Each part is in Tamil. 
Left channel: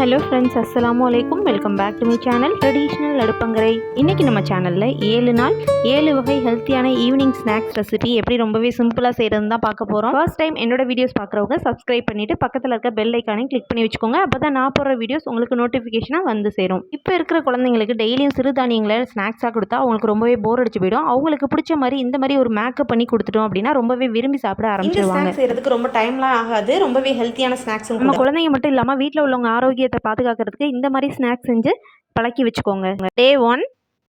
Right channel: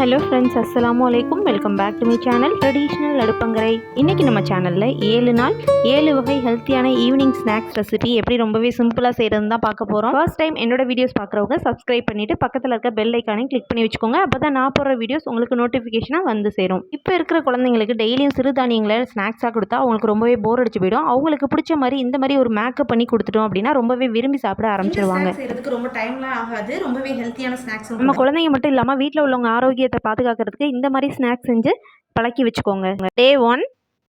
ஹலோ ஃப்ரெண்ட்ஸ், அஸ்ஸலாமு அலைக்கும். Welcome back to my channel traditional Adupangarai. இன்றைக்கி நம்ம சேனலில் 7 நாள் 7 வகை ஹெல்த்தியான ஈவினிங் ஸ்நாக்ஸ் ரெசிபி எப்படி ரொம்பவே சிம்பிளாக செய்கிறதுன்னு தான் பார்க்க போகிறோம். ஃபர்ஸ்ட் டைம் என்னோட வீடியோஸ் பார்க்குறவங்க சப்ஸ்கிரைப் பண்ணிவிட்டு பக்கத்தில் இருக்க பெல் ஐக்கானையும் கிளிக் பண்ணி வச்சுக்கோங்க. அப்போ தான் நான் போடுற வீடியோஸ் உங்களுக்கு நோட்டிஃபிகேஷனாக வந்து சேரும். இப்போ இருக்கிற குழந்தைங்களுக்கு டெய்லியும் சிறுதானியங்களை ஸ்நாக்ஸாக கொடுத்தா அவங்களுக்கு ரொம்பவே போர் அடிச்சு போயிடும். அவங்களுக்கு பிடிச்ச மாதிரி இந்த மாதிரி ஒரு மேக்கப் பண்ணி கொடுத்துட்டோம் அப்படின்னா ரொம்பவே விரும்பி சாப்பிட ஆரம்பிச்சிருவாங்க. செய்கிறதுக்கு ரொம்ப டைம்லாம் ஆகாது. ரொம்பவே ஹெல்த்தியான ஸ்நாக்ஸ் நம்ம குழந்தைங்க மட்டும் இல்லாமல் வீட்டில் உள்ளவங்க ஆரோக்கியத்தை பாதுகாக்கிறதுக்கு இந்த மாதிரி ஸ்நாக்ஸ் செஞ்சு பழக்கி வச்சுக்கோங்க. டே 1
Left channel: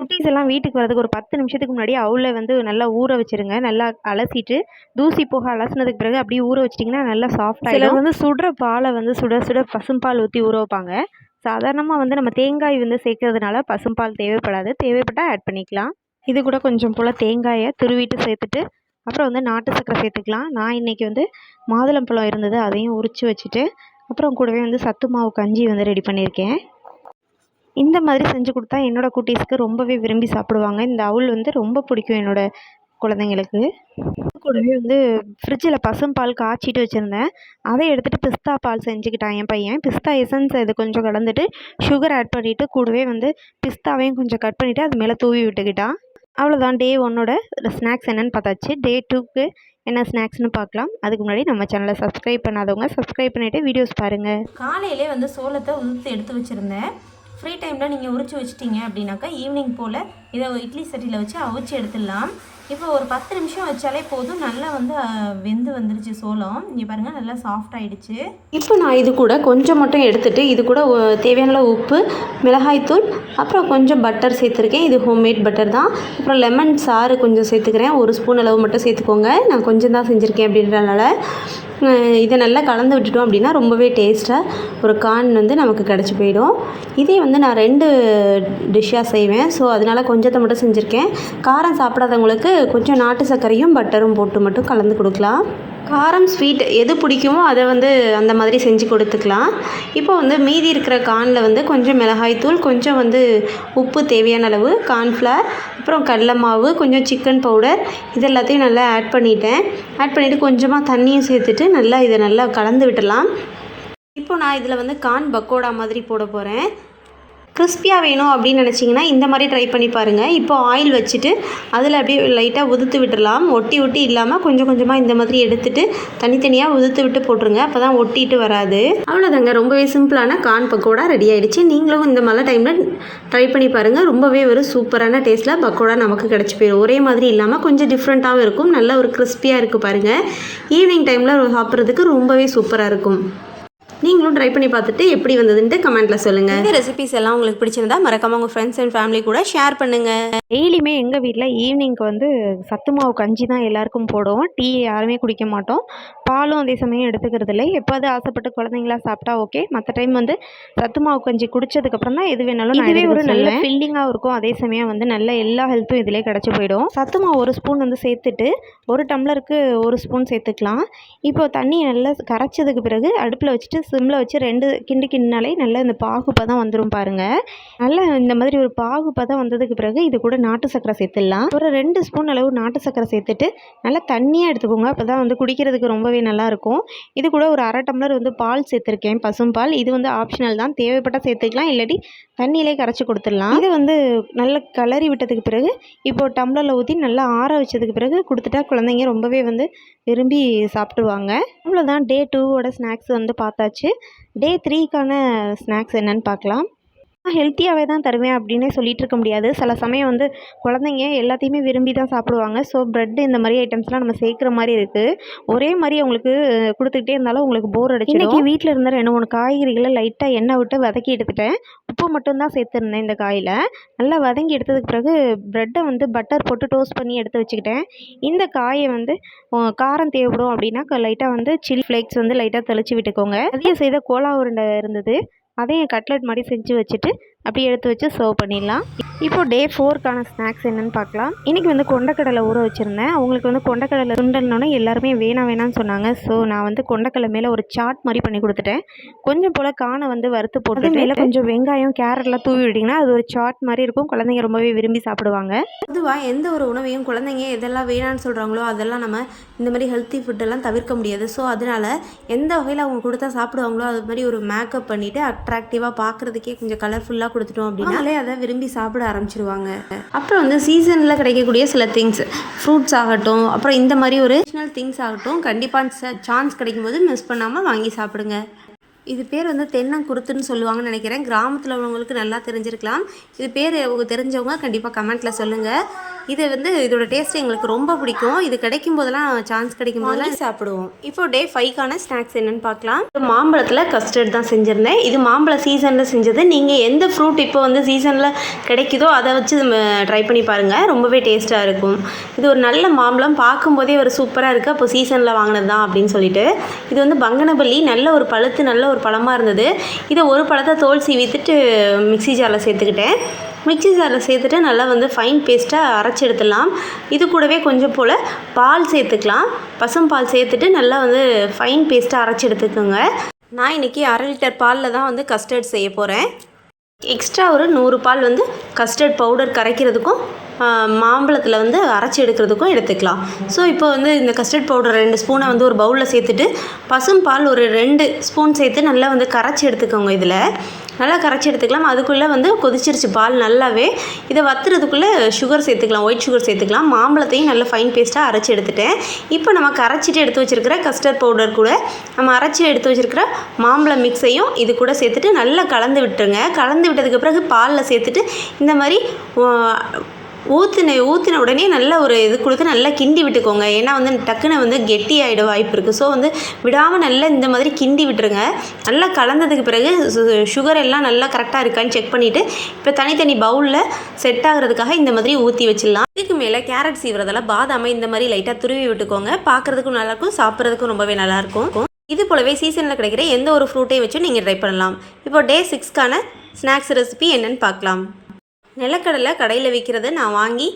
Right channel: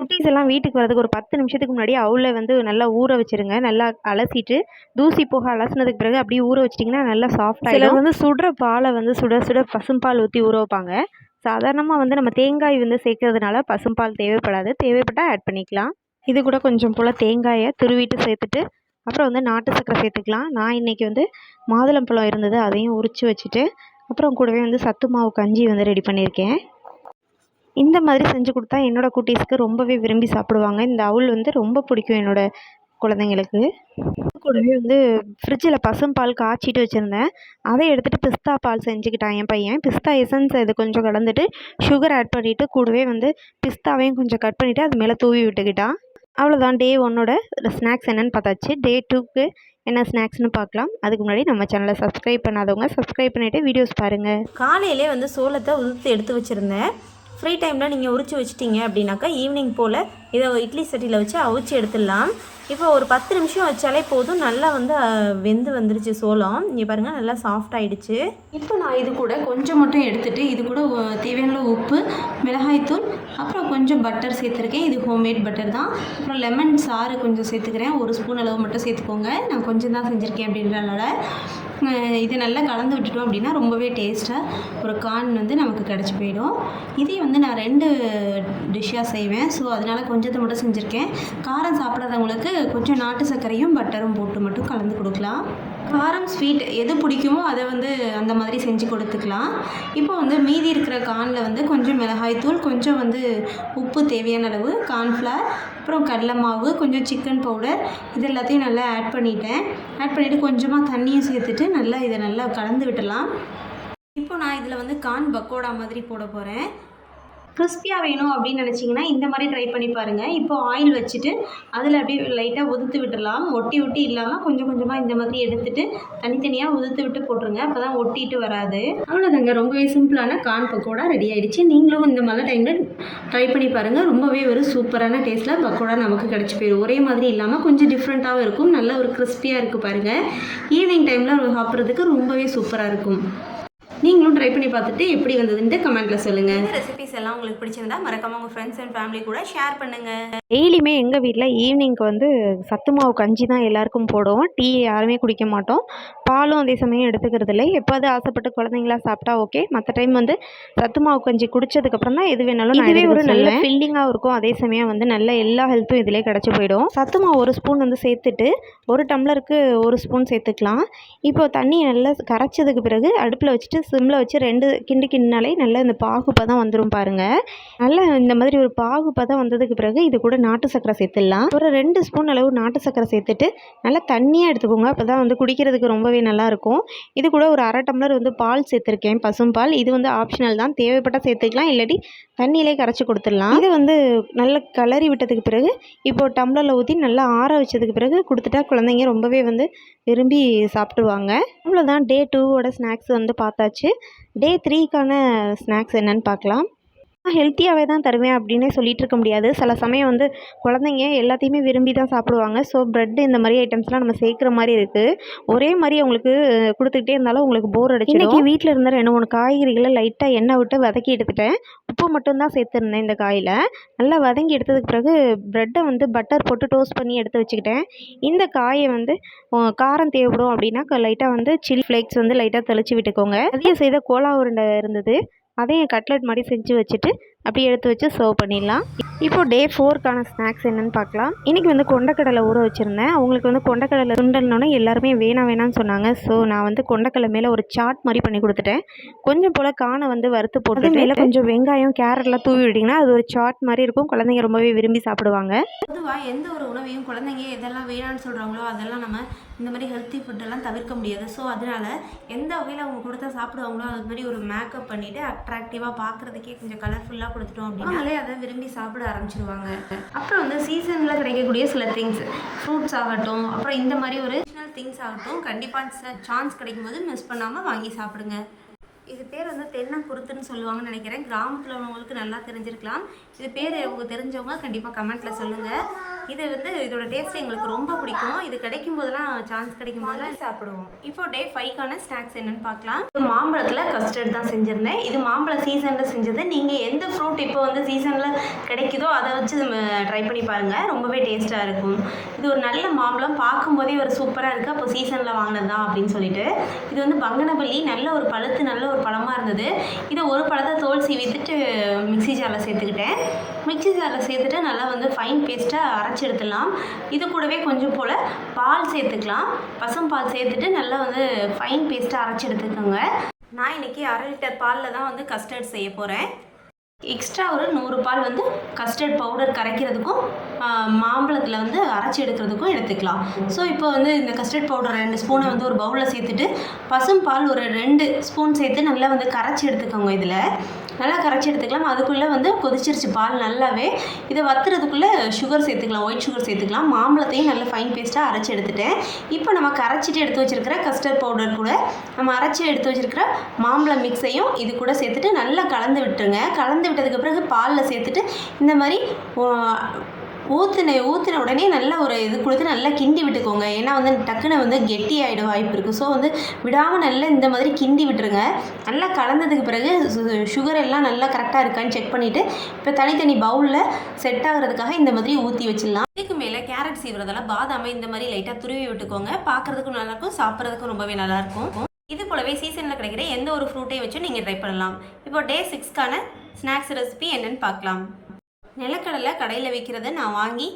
குட்டீஸ் எல்லாம் வீட்டுக்கு வரதுக்கு ஒரு 10 நிமிஷத்துக்கு முன்னாடி அவுல நல்லா ஊற வச்சிருங்க. நல்லா அலசிட்டு தூசி போக அலசினதுக்கு பிறகு அப்படியே ஊற வச்சிட்டிங்கன்னா நல்லா சாஃப்டாக. சிலர் சுடுற பாலை சுட சுட பசும்பால் ஊற்றி ஊற வைப்பாங்க. சாதாரணமாக நம்ம தேங்காய் சேர்க்கறதுனால பசும்பால் தேவைப்படாது. தேவைப்பட்டால் ஆட் பண்ணிக்கலாம். இது கூட கொஞ்சம் போல் தேங்காயை துருவிட்டு சேர்த்துட்டு அப்புறம் நாட்டு சர்க்கரை சேர்த்துக்கலாம். நான் இன்றைக்கி மாதுளம்பழம் இருந்தது, அதையும் உரித்து வச்சுட்டு அப்புறம் கூடவே சத்து மாவு கஞ்சி ரெடி பண்ணியிருக்கேன். இந்த மாதிரி செஞ்சு கொடுத்தா என்னோடய குட்டீஸ்க்கு ரொம்பவே விரும்பி சாப்பிடுவாங்க. இந்த அவுல் ரொம்ப பிடிக்கும் என்னோடய குழந்தைங்களுக்கு. கூடவே ஃப்ரிட்ஜில் பசும்பால் காய்ச்சிட்டு வச்சுருந்தேன். அதை எடுத்துகிட்டு பிஸ்தா பால் செஞ்சுக்கிட்டான் என் பையன். பிஸ்தா எசன்ஸ் இது கொஞ்சம் கலந்துட்டு சுகர் ஆட் பண்ணிவிட்டு கூடவே பிஸ்தாவையும் கொஞ்சம் கட் பண்ணிவிட்டு அது மேலே தூவி விட்டுக்கிட்டான். அவ்வளோதான். டே 1ஓட ஸ்நாக்ஸ் என்னென்னு பார்த்தாச்சு. டே 2க்கு என்ன ஸ்நாக்ஸ்னு பார்க்கலாம். அதுக்கு முன்னாடி நம்ம சேனலை சப்ஸ்கிரைப் பண்ணாதவங்க சப்ஸ்கிரைப் பண்ணிவிட்டு வீடியோஸ் பாருங்கள். காலையிலே சோளத்தை உதுத்து எடுத்து வச்சுருந்தேன். ஃப்ரீ டைமில் நீங்கள் உரிச்சு வச்சிட்டிங்க அப்படின்னாக்கா ஈவினிங் போல் இதை இட்லி சட்டியில் வச்சு அவிச்சு எடுத்துடலாம். இப்போ ஒரு 10 நிமிஷம் வச்சாலே போதும். நல்லா வெந்து வந்துருச்சு சோளம். இங்கே பாருங்கள், நல்லா சாஃப்ட் ஆகிடுச்சு. இப்போ நான் இது கூட கொஞ்சம் மட்டும் எடுத்துகிட்டு இது கூட தேவையான உப்பு, மிளகாய்த்தூள், அப்புறம் கொஞ்சம் பட்டர் சேர்த்துருக்கேன். இது ஹோம்மேட் பட்டர் தான். அப்புறம் லெமன் சாறு கொஞ்சம் சேர்த்துக்கிறேன். 1 ஸ்பூன் அளவு மட்டும் சேர்த்துக்கோங்க. நான் கொஞ்சம் தான் செஞ்சுருக்கேன் அப்படின்றனால இதை நல்லா கலந்து விட்டுட்டோம் அப்படின்னா ரொம்பவே டேஸ்ட்டாக ஒரு கார்ன் நமக்கு கிடச்சி போயிடும். இதே நான் 2 டிஷ்ஷாக செய்வேன். ஸோ அதனால் கொஞ்சத்தை மட்டும் செஞ்சுருக்கேன். காரம் சாப்பிடாதவங்களுக்கு கொஞ்சம் நாட்டு சர்க்கரையும் பட்டரும் போட்டு மட்டும் கலந்து கொடுக்கலாம். காரம் ஸ்வீட் எது பிடிக்குமோ அதை அந்த மாதிரி செஞ்சு கொடுத்துக்கலாம். இப்போ மீதி இருக்கிற கார்னில் கொஞ்சம் மிளகாய்த்தூள், கொஞ்சம் உப்பு தேவையான அளவு, கார்ன்ஃப்ளவர், அப்புறம் கடலை மாவு, கொஞ்சம் சிக்கன் பவுடர், இது எல்லாத்தையும் நல்லா ஆட் பண்ணிவிட்டு கொஞ்சமாக தண்ணியும் சேர்த்துட்டு இதை நல்லா கலந்து விட்டுடலாம். இப்போ நான் இதில் கார்ன் பக்கோடா மாதிரி போட போகிறேன். கிறிஸ்பியாக வேணும் அப்படின்னு நினச்சிங்கன்னா இந்த மாதிரி ட்ரை பண்ணி பாருங்கள். இப்போ ஆயில் வச்சுட்டு அதில் அப்படியே லைட்டாக உதுத்து விட்டுடலாம். ஒட்டி இல்லாமல் கொஞ்சம் கொஞ்சமாக இந்த மாதிரி எடுத்துகிட்டு தனித்தனியாக உதுத்து விட்டு போட்டுருங்க. அப்போ தான் ஒட்டிட்டு வராது. அவ்வளோதாங்க, ரொம்பவே சிம்பிளான கார்ன் பக்கோடா ரெடி ஆகிடுச்சு. நீங்களும் இந்த மாதிரி டைமில் ட்ரை பண்ணி பாருங்கள். ரொம்பவே ஒரு சூப்பரான டேஸ்ட்டில் பக்கோடா நமக்கு கிடச்சி போயிடும். ஒரே மாதிரி இல்லாமல் கொஞ்சம் டிஃப்ரெண்ட்டாகவும் இருக்கும். நல்லா ஒரு கிறிஸ்பியாக இருக்குது பாருங்கள். ஈவினிங் டைமில் சாப்பிட்றதுக்கு ரொம்பவே சூப்பராக இருக்கும். நீங்களும் ட்ரை பண்ணி பார்த்துட்டு எப்படி வந்ததுன்ட்டு கமெண்ட்டில் சொல்லுங்கள். இந்த ரெசிபிஸ் எல்லாம் உங்களுக்கு பிடிச்சிருந்தா மறக்காமல் உங்கள் ஃப்ரெண்ட்ஸ் அண்ட் ஃபேமிலி கூட ஷேர் பண்ணுங்கள். டெய்லியுமே எங்கள் வீட்டில் ஈவினிங்க்கு சத்து மாவு கஞ்சி தான் எல்லாருக்கும் போடுவோம். டீ யாருமே குடிக்க மாட்டோம். பாலும் அதே சமயம் எடுத்துக்கிறது இல்லை. எப்போது ஆசைப்பட்டு குழந்தைங்களா சாப்பிட்டா ஓகே. மற்ற டைம் சத்து மாவு கஞ்சி குடித்ததுக்கப்புறம் தான் எது வேணாலும் இதுவே ஒரு நல்ல ஃபில்லிங்காக இருக்கும். அதே சமயம் நல்ல எல்லா ஹெல்த்தும் இதிலே கிடச்சி போயிடும். சத்து மாவு 1 ஸ்பூன் சேர்த்துட்டு 1 டம்ளருக்கு 1 ஸ்பூன் சேர்த்துக்கலாம். இப்போ தண்ணி நல்லா கரைச்சதுக்கு பிறகு அடுப்பில் வச்சுட்டு சிம்மில் வச்சு 2 கிண்டினாலே நல்லா இந்த பாகுப்பதம் வந்துடும் பாருங்கள். நல்லா இந்த மாதிரி ஒரு பாகுப்பதம் வந்ததுக்கு பிறகு இது கூட நாட்டு சர்க்கரை சேர்த்துடலாம். ஒரு 2 ஸ்பூன் அளவு நாட்டு சர்க்கரை சேர்த்துட்டு நல்லா தண்ணியாக எடுத்துக்கோங்க. அப்போ தான் குடிக்கிறதுக்கு ரொம்பவே நல்லாயிருக்கும். இது கூட ஒரு 1/2 டம்ளர் பால் சேர்த்துருக்கேன், பசும்பால். இது ஆப்ஷனல் தான். தேவைப்பட்டால் சேர்த்துக்கலாம், இல்லாட்டி தண்ணியிலே கரைச்சி கொடுத்துடலாம். இது நல்லா கிளறி விட்டதுக்கு பிறகு இப்போ டம்ளரில் ஊற்றி நல்லா ஆற வச்சதுக்கு பிறகு கொடுத்துட்டா குழந்தைங்க ரொம்பவே விரும்பி சாப்பிடுவாங்க. அவ்வளோதான். டே 2ஓட ஸ்நாக்ஸ் பார்த்தாச்சு. டே 3க்கான ஸ்நாக்ஸ் என்னென்னு பார்க்கலாம். ஹெல்த்தியாகவே தான் தருவேன் அப்படின்னே சொல்லிகிட்டு இருக்க முடியாது. சில சமயம் குழந்தைங்க எல்லாத்தையுமே விரும்பி தான் சாப்பிடுவாங்க. ஸோ ப்ரெட்டு இந்த மாதிரி ஐட்டம்ஸ்லாம் நம்ம சேர்க்குற மாதிரி இருக்குது. ஒரே மாதிரி அவங்களுக்கு கொடுத்துக்கிட்டே இருந்தாலும் உங்களுக்கு போர் அடிச்சிடும். இன்றைக்கி வீட்டில் இருந்த 2-3 காய்கறிகளை லைட்டாக எண்ணெய் விட்டு வதக்கி எடுத்துட்டேன். உப்பு மட்டும்தான் சேர்த்துருந்தேன் இந்த காயில். நல்லா வதங்கி எடுத்ததுக்கு பிறகு ப்ரெட்டை பட்டர் போட்டு டோஸ்ட் பண்ணி எடுத்து வச்சுக்கிட்டேன். இந்த காயை காரம் தேவைப்படும் அப்படின்னா லைட்டாக சில்லி ஃப்ளேக்ஸ் லைட்டாக தெளித்து விட்டுக்கோங்க. அதிகம் செய்த கோலா உருண்டை இருந்தது, அதையும் கட்லெட் மாதிரி செஞ்சு வச்சுட்டு அப்படியே எடுத்து வச்சு சர்வ் பண்ணிடலாம். இப்போ டே 4க்கான ஸ்நாக்ஸ் என்னென்னு பார்க்கலாம். இன்றைக்கி வந்து கொண்டக்கடலை ஊற வச்சுருந்தேன். அவங்களுக்கு வந்து கொண்டக்கடலை சுண்டல்னோடனே எல்லாருமே வேணான்னு சொன்னாங்க. ஸோ நான் வந்து கொண்டக்கடலை மேலே ஒரு சாட் மாதிரி பண்ணி கொடுத்துட்டேன். கொஞ்சம் போல் காணை வந்து வறுத்து போட்டு மேலே கொஞ்சம் வெங்காயம் கேரட்லாம் தூவி விட்டிங்கன்னா அது ஒரு சாட் மாதிரி இருக்கும். குழந்தைங்க ரொம்பவே விரும்பி சாப்பிடுவாங்க. பொதுவாக எந்த ஒரு உணவையும் குழந்தைங்க எதெல்லாம் வேணான்னு சொல்கிறாங்களோ அதெல்லாம் நம்ம இந்த மாதிரி ஹெல்த்தி ஃபுட்டெல்லாம் தவிர்க்க முடியாது. ஸோ அதனால் எந்த வகையில் அவங்க கொடுத்தா சாப்பிடுவாங்களோ அது மாதிரி ஒரு மேக்கப் பண்ணிவிட்டு அட்ராக்டிவாக பார்க்குறதுக்கே கொஞ்சம் கலர்ஃபுல்லாக கொடுத்துட்டோம் அப்படின்னாலே அதை விரும்பி சாப்பிட ஆரம்பிச்சிருவாங்க. அப்புறம் வந்து சீசனில் கிடைக்கக்கூடிய சில திங்ஸ், ஃப்ரூட்ஸ் ஆகட்டும், அப்புறம் இந்த மாதிரி ஒரு அடிஷ்னல் திங்ஸ் ஆகட்டும், கண்டிப்பாக சான்ஸ் கிடைக்கும்போது மிஸ் பண்ணாமல் வாங்கி சாப்பிடுங்க. இது பேர் வந்து தென்னங்குருத்துன்னு சொல்லுவாங்கன்னு நினைக்கிறேன். கிராமத்தில் உள்ளவங்களுக்கு நல்லா தெரிஞ்சிருக்கலாம். இது பேர் தெரிஞ்சவங்க கண்டிப்பாக கமெண்ட்டில் சொல்லுங்கள். இது வந்து இதோட டேஸ்ட் எங்களுக்கு ரொம்ப பிடிக்கும். இது கிடைக்கும் போதெல்லாம் சான்ஸ் கிடைக்கும் போதெல்லாம் சாப்பிடுவோம். இப்போ டே 5க்கான ஸ்நாக்ஸ் என்னென்னு பார்க்கலாம். மாம்பழத்தில் கஸ்டர்ட் தான் செஞ்சுருந்தேன். இது மாம்பழ சீசனில் செஞ்சது. நீங்கள் எந்த ஃப்ரூட் இப்போ வந்து சீசனில் கிடைக்குதோ அதை வச்சு ட்ரை பண்ணி பாருங்கள். ரொம்பவே டேஸ்ட்டாக இருக்கும். இது ஒரு நல்ல மாம்பழம், பார்க்கும்போதே ஒரு சூப்பராக இருக்குது. அப்போ சீசனில் வாங்கினது தான் அப்படின்னு சொல்லிட்டு. இது வந்து பங்கனப்பள்ளி, நல்ல ஒரு பழுத்து நல்ல ஒரு பழமாக இருந்தது. இதை ஒரு பழத்தை தோல் சீவித்துட்டு மிக்ஸி ஜாரில் சேர்த்துக்கிட்டேன். மிக்ஸி ஜாரில் சேர்த்துட்டு நல்லா வந்து ஃபைன் பேஸ்ட்டாக அரைச்சி எடுத்துடலாம். இது கூடவே கொஞ்சம் போல் பால் சேர்த்துக்கலாம். பசும்பால் சேர்த்துட்டு நல்லா வந்து ஃபைன் பேஸ்ட்டாக அரைச்சி எடுத்துக்கோங்க. நான் இன்றைக்கி 1/2 லிட்டர் பாலில் தான் வந்து கஸ்டர்ட் செய்ய போகிறேன். எக்ஸ்ட்ரா ஒரு 100 பால் வந்து கஸ்டர்ட் பவுடர் கரைக்கிறதுக்கும் மாம்பழத்தில் வந்து அரைச்சி எடுக்கிறதுக்கும் எடுத்துக்கலாம். ஸோ இப்போ வந்து இந்த கஸ்டர்ட் பவுடர் 2 ஸ்பூனை வந்து ஒரு பவுலில் சேர்த்துட்டு பசும் பால் ஒரு 2 ஸ்பூன் சேர்த்து நல்லா வந்து கரைச்சி எடுத்துக்கோங்க. இதில் நல்லா கரைச்சி எடுத்துக்கலாம். அதுக்குள்ளே வந்து கொதிச்சிருச்சு பால் நல்லாவே. இதை வத்துறதுக்குள்ளே சுகர் சேர்த்துக்கலாம், ஒயிட் சுகர் சேர்த்துக்கலாம். மாம்பழத்தையும் நல்லா ஃபைன் பேஸ்ட்டாக அரைச்சி எடுத்துட்டேன். இப்போ நம்ம கரைச்சிட்டு எடுத்து வச்சுருக்கிற கஸ்டர்ட் பவுடர் கூட நம்ம அரைச்சி எடுத்து வச்சுருக்கிற மாம்பழம் மிக்ஸையும் இது கூட சேர்த்துட்டு நல்லா கலந்து விட்டுருங்க. கலந்து விட்டதுக்கு பிறகு பாலில் சேர்த்துட்டு இந்த மாதிரி ஊற்றின உடனே நல்லா ஒரு இது கொடுத்து நல்லா கிண்டி விட்டுக்கோங்க. ஏன்னா வந்து டக்குன்னு வந்து கெட்டி ஆகிட வாய்ப்பு இருக்குது. ஸோ வந்து விடாமல் நல்லா இந்த மாதிரி கிண்டி விட்டுருங்க. நல்லா கலந்ததுக்கு பிறகு சுகர் எல்லாம் நல்லா கரெக்டாக இருக்கான்னு செக் பண்ணிவிட்டு இப்போ தனித்தனி பவுலில் செட் ஆகிறதுக்காக இந்த மாதிரி ஊற்றி வச்சிடலாம். இதுக்கு மேலே கேரட் சீவுறதால பாதாமை இந்த மாதிரி லைட்டாக துருவி விட்டுக்கோங்க. பார்க்குறதுக்கும் நல்லாயிருக்கும், சாப்பிட்றதுக்கும் ரொம்பவே நல்லாயிருக்கும். இது போலவே சீசனில் கிடைக்கிற எந்த ஒரு ஃப்ரூட்டையும் வச்சு நீங்கள் ட்ரை பண்ணலாம். இப்போ டே 6க்கான ஸ்நாக்ஸ் ரெசிபி என்னென்னு பார்க்கலாம். நிலக்கடலை கடையில் விற்கிறத நான் வாங்கி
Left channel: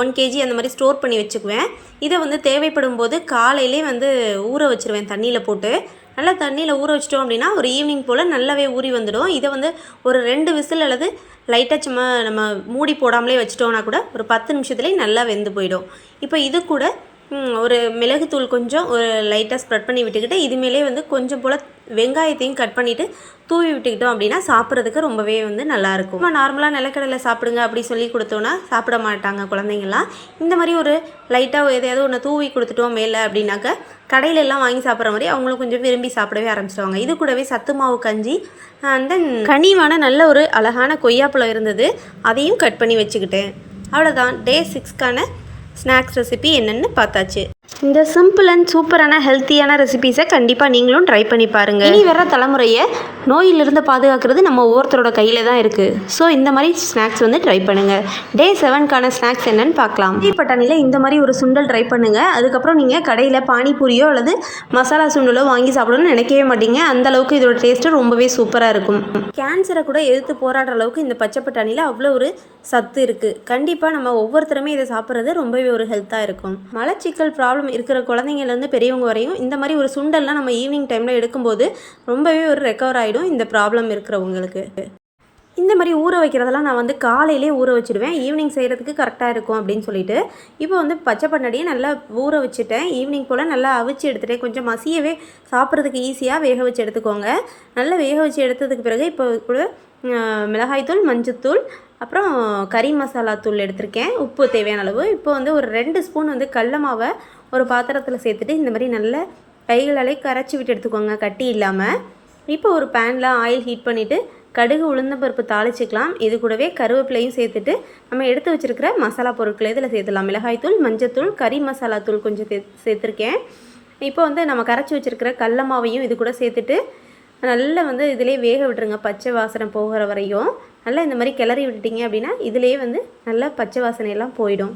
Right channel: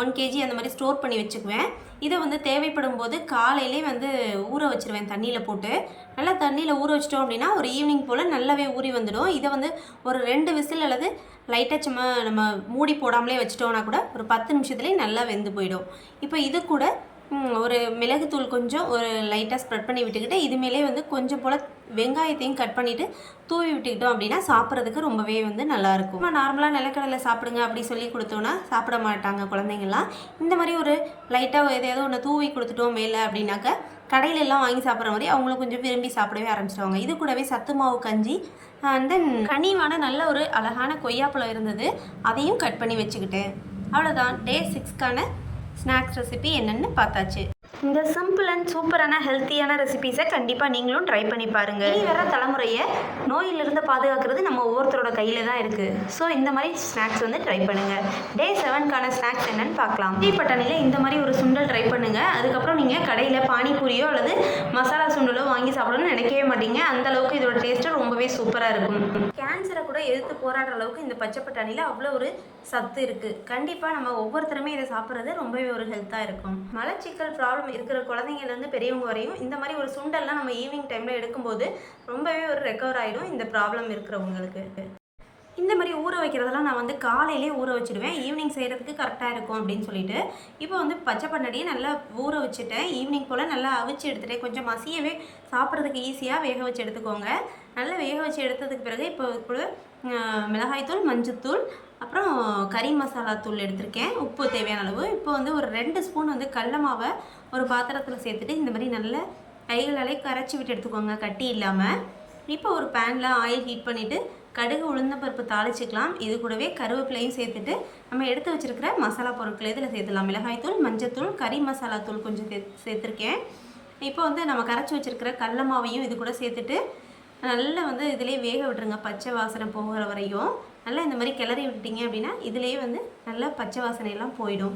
1 kg அந்த மாதிரி ஸ்டோர் பண்ணி வச்சுக்குவேன். இதை வந்து தேவைப்படும் போது காலையிலே வந்து ஊற வச்சுருவேன் தண்ணியில் போட்டு. நல்லா தண்ணியில் ஊற வச்சிட்டோம் அப்படின்னா ஒரு ஈவினிங் போல் நல்லாவே ஊறி வந்துடும். இதை வந்து ஒரு 2 விசில் அல்லது லைட்டாக சும்மா நம்ம மூடி போடாமலே வச்சிட்டோம்னா கூட ஒரு 10 நிமிஷத்துலேயே நல்லா வெந்து போயிடும். இப்போ இது கூட ஒரு மிளகுத்தூள் கொஞ்சம் ஒரு லைட்டாக ஸ்ப்ரெட் பண்ணி விட்டுக்கிட்டு இது மேலே வந்து கொஞ்சம் போல் வெங்காயத்தையும் கட் பண்ணிவிட்டு தூவி விட்டுக்கிட்டோம் அப்படின்னா சாப்பிட்றதுக்கு ரொம்பவே வந்து நல்லாயிருக்கும். நம்ம நார்மலாக நிலக்கடலை சாப்பிடுங்க அப்படி சொல்லி கொடுத்தோன்னா சாப்பிட மாட்டாங்க குழந்தைங்கள்லாம். இந்த மாதிரி ஒரு லைட்டாக எதையாவது ஒன்று தூவி கொடுத்துட்டோம் மேலே அப்படின்னாக்க கடையிலெல்லாம் வாங்கி சாப்பிட்ற மாதிரி அவங்களும் கொஞ்சம் விரும்பி சாப்பிடவே ஆரம்பிச்சிடுவாங்க. இது கூடவே சத்து மாவு கஞ்சி, தென் கனிவான நல்ல ஒரு அழகான கொய்யாப்பழம் இருந்தது, அதையும் கட் பண்ணி வச்சுக்கிட்டேன். அவ்வளோதான். டே 6க்கான ஸ்நாக்ஸ் ரெசிபி என்னென்னு பார்த்தாச்சு. இந்த சிம்பிள் அண்ட் சூப்பரான ஹெல்த்தியான ரெசிபீஸை கண்டிப்பாக நீங்களும் ட்ரை பண்ணி பாருங்கள். இனி வர தலைமுறையை நோயிலிருந்து பாதுகாக்கிறது நம்ம ஒவ்வொருத்தரோட கையில் தான் இருக்குது. ஸோ இந்த மாதிரி ஸ்நாக்ஸ் வந்து ட்ரை பண்ணுங்கள். டே 7க்கான ஸ்நாக்ஸ் என்னென்னு பார்க்கலாம். பட்டாணியில் இந்த மாதிரி ஒரு சுண்டல் ட்ரை பண்ணுங்கள். அதுக்கப்புறம் நீங்கள் கடையில் பானிபூரியோ அல்லது மசாலா சுண்டலோ வாங்கி சாப்பிடணும்னு நினைக்கவே மாட்டீங்க. அந்தளவுக்கு இதோட டேஸ்ட்டு ரொம்பவே சூப்பராக இருக்கும். கேன்சரை கூட எதிர்த்து போராடுற அளவுக்கு இந்த பச்சை பட்டாணியில் அவ்வளோ ஒரு சத்து இருக்குது. கண்டிப்பாக நம்ம ஒவ்வொருத்தருமே இதை சாப்பிட்றது ரொம்பவே ஒரு ஹெல்த்தாக இருக்கும். மலச்சிக்கல் ப்ராப்ளம் இருக்கிற குழந்தைங்கள்லேருந்து பெரியவங்க வரையும் இந்த மாதிரி ஒரு சுண்டல்லாம் நம்ம ஈவினிங் டைமில் எடுக்கும்போது ரொம்பவே ஒரு ரெக்கவர் ஆகிடும் இந்த ப்ராப்ளம் இருக்கிறவங்களுக்கு. இந்த மாதிரி ஊற வைக்கிறதெல்லாம் நான் வந்து காலையிலே ஊற வச்சுடுவேன். ஈவினிங் செய்கிறதுக்கு கரெக்டாக இருக்கும் அப்படின்னு சொல்லிட்டு இப்போ வந்து பச்சை பட்டாணியை நல்லா ஊற வச்சுட்டேன். ஈவினிங் போல் நல்லா அவிச்சு எடுத்துகிட்டேன். கொஞ்சம் மசியவே சாப்பிட்றதுக்கு ஈஸியாக வேக வச்சு எடுத்துக்கோங்க. நல்லா வேக வச்சு எடுத்ததுக்கு பிறகு இப்போ கூட மிளகாய்த்தூள், மஞ்சத்தூள், அப்புறம் கறி மசாலா தூள் எடுத்திருக்கேன். உப்பு தேவையான அளவு. இப்போ வந்து ஒரு 2 ஸ்பூன் வந்து கடல மாவை ஒரு பாத்திரத்தில் சேர்த்துட்டு இந்த மாதிரி நல்லா கைகளாலே கரைச்சி விட்டு எடுத்துக்கோங்க, கட்டி இல்லாமல். இப்போ ஒரு பேனில் ஆயில் ஹீட் பண்ணிவிட்டு கடுகு, உளுந்தம்பருப்பு தாளிச்சிக்கலாம். இது கூடவே கருவேப்பிலையும் சேர்த்துட்டு நம்ம எடுத்து வச்சுருக்கிற மசாலா பொருட்களை இதில் சேர்த்துலாம். மிளகாய்த்தூள், மஞ்சத்தூள், கறி மசாலா தூள் கொஞ்சம் சேர்த்துருக்கேன். இப்போ வந்து நம்ம கரைச்சி வச்சுருக்கிற கடல மாவையும் இது கூட சேர்த்துட்டு நல்லா வந்து இதிலே வேக விட்டுருங்க, பச்சை வாசனை போகிற வரையும். நல்லா இந்த மாதிரி கிளறி விட்டுட்டிங்க அப்படின்னா இதிலேயே வந்து நல்லா பச்சை வாசனையெல்லாம் போயிடும்.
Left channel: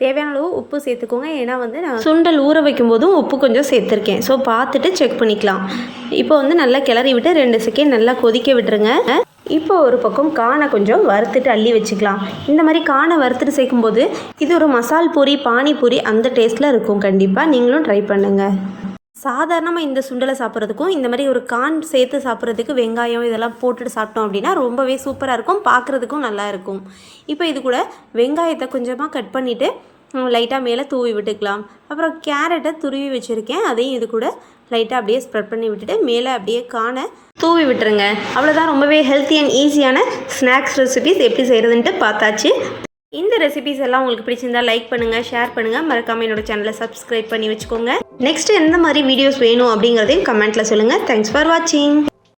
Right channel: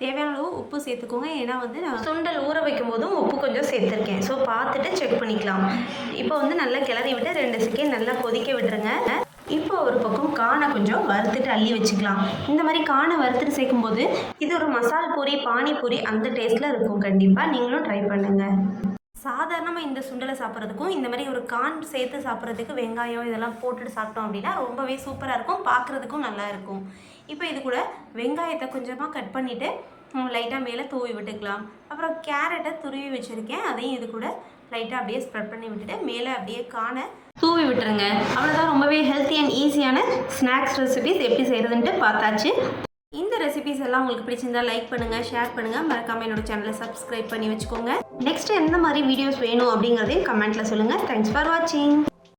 தேவையான அளவு உப்பு சேர்த்துக்கோங்க. ஏன்னா வந்து நான் சுண்டல் ஊற வைக்கும் போதும் உப்பு கொஞ்சம் சேர்த்துருக்கேன். ஸோ பார்த்துட்டு செக் பண்ணிக்கலாம். இப்போ வந்து நல்லா கிளறி விட்டு 2 செகண்ட் நல்லா கொதிக்க விட்டுருங்க. இப்போ ஒரு பக்கம் கானை கொஞ்சம் வறுத்துட்டு அள்ளி வச்சுக்கலாம். இந்த மாதிரி கானை வறுத்துட்டு சேர்க்கும்போது இது ஒரு மசால் பூரி, பானிபூரி அந்த டேஸ்ட்டில் இருக்கும். கண்டிப்பாக நீங்களும் ட்ரை பண்ணுங்கள். சாதாரணமாக இந்த சுண்டலை சாப்பிட்றதுக்கும் இந்த மாதிரி ஒரு கான் சேர்த்து சாப்பிட்றதுக்கு வெங்காயம் இதெல்லாம் போட்டுட்டு சாப்பிட்டோம் அப்படின்னா ரொம்பவே சூப்பராக இருக்கும், பார்க்குறதுக்கும் நல்லா இருக்கும். இப்போ இது கூட வெங்காயத்தை கொஞ்சமாக கட் பண்ணிவிட்டு லைட்டாக மேலே தூவி விட்டுக்கலாம். அப்புறம் கேரட்டை துருவி வச்சுருக்கேன், அதையும் இது கூட லைட்டாக அப்படியே ஸ்ப்ரெட் பண்ணி விட்டுட்டு மேலே அப்படியே கானை தூவி விட்டுருங்க. அவ்வளோதான், ரொம்பவே ஹெல்த்தி அண்ட் ஈஸியான ஸ்நாக்ஸ் ரெசிபிஸ் எப்படி செய்கிறதுன்ட்டு பார்த்தாச்சு. இந்த ரெசிபிஸ் எல்லாம் உங்களுக்கு பிடிச்சிருந்தால் லைக் பண்ணுங்கள், ஷேர் பண்ணுங்கள், மறக்காமல் என்னோட சேனலை சப்ஸ்கிரைப் பண்ணி வச்சுக்கோங்க. நெக்ஸ்ட்டு எந்த மாதிரி வீடியோஸ் வேணும் அப்படிங்கிறதையும் கமெண்ட்டில் சொல்லுங்கள். தேங்க்ஸ் ஃபார் வாட்சிங்.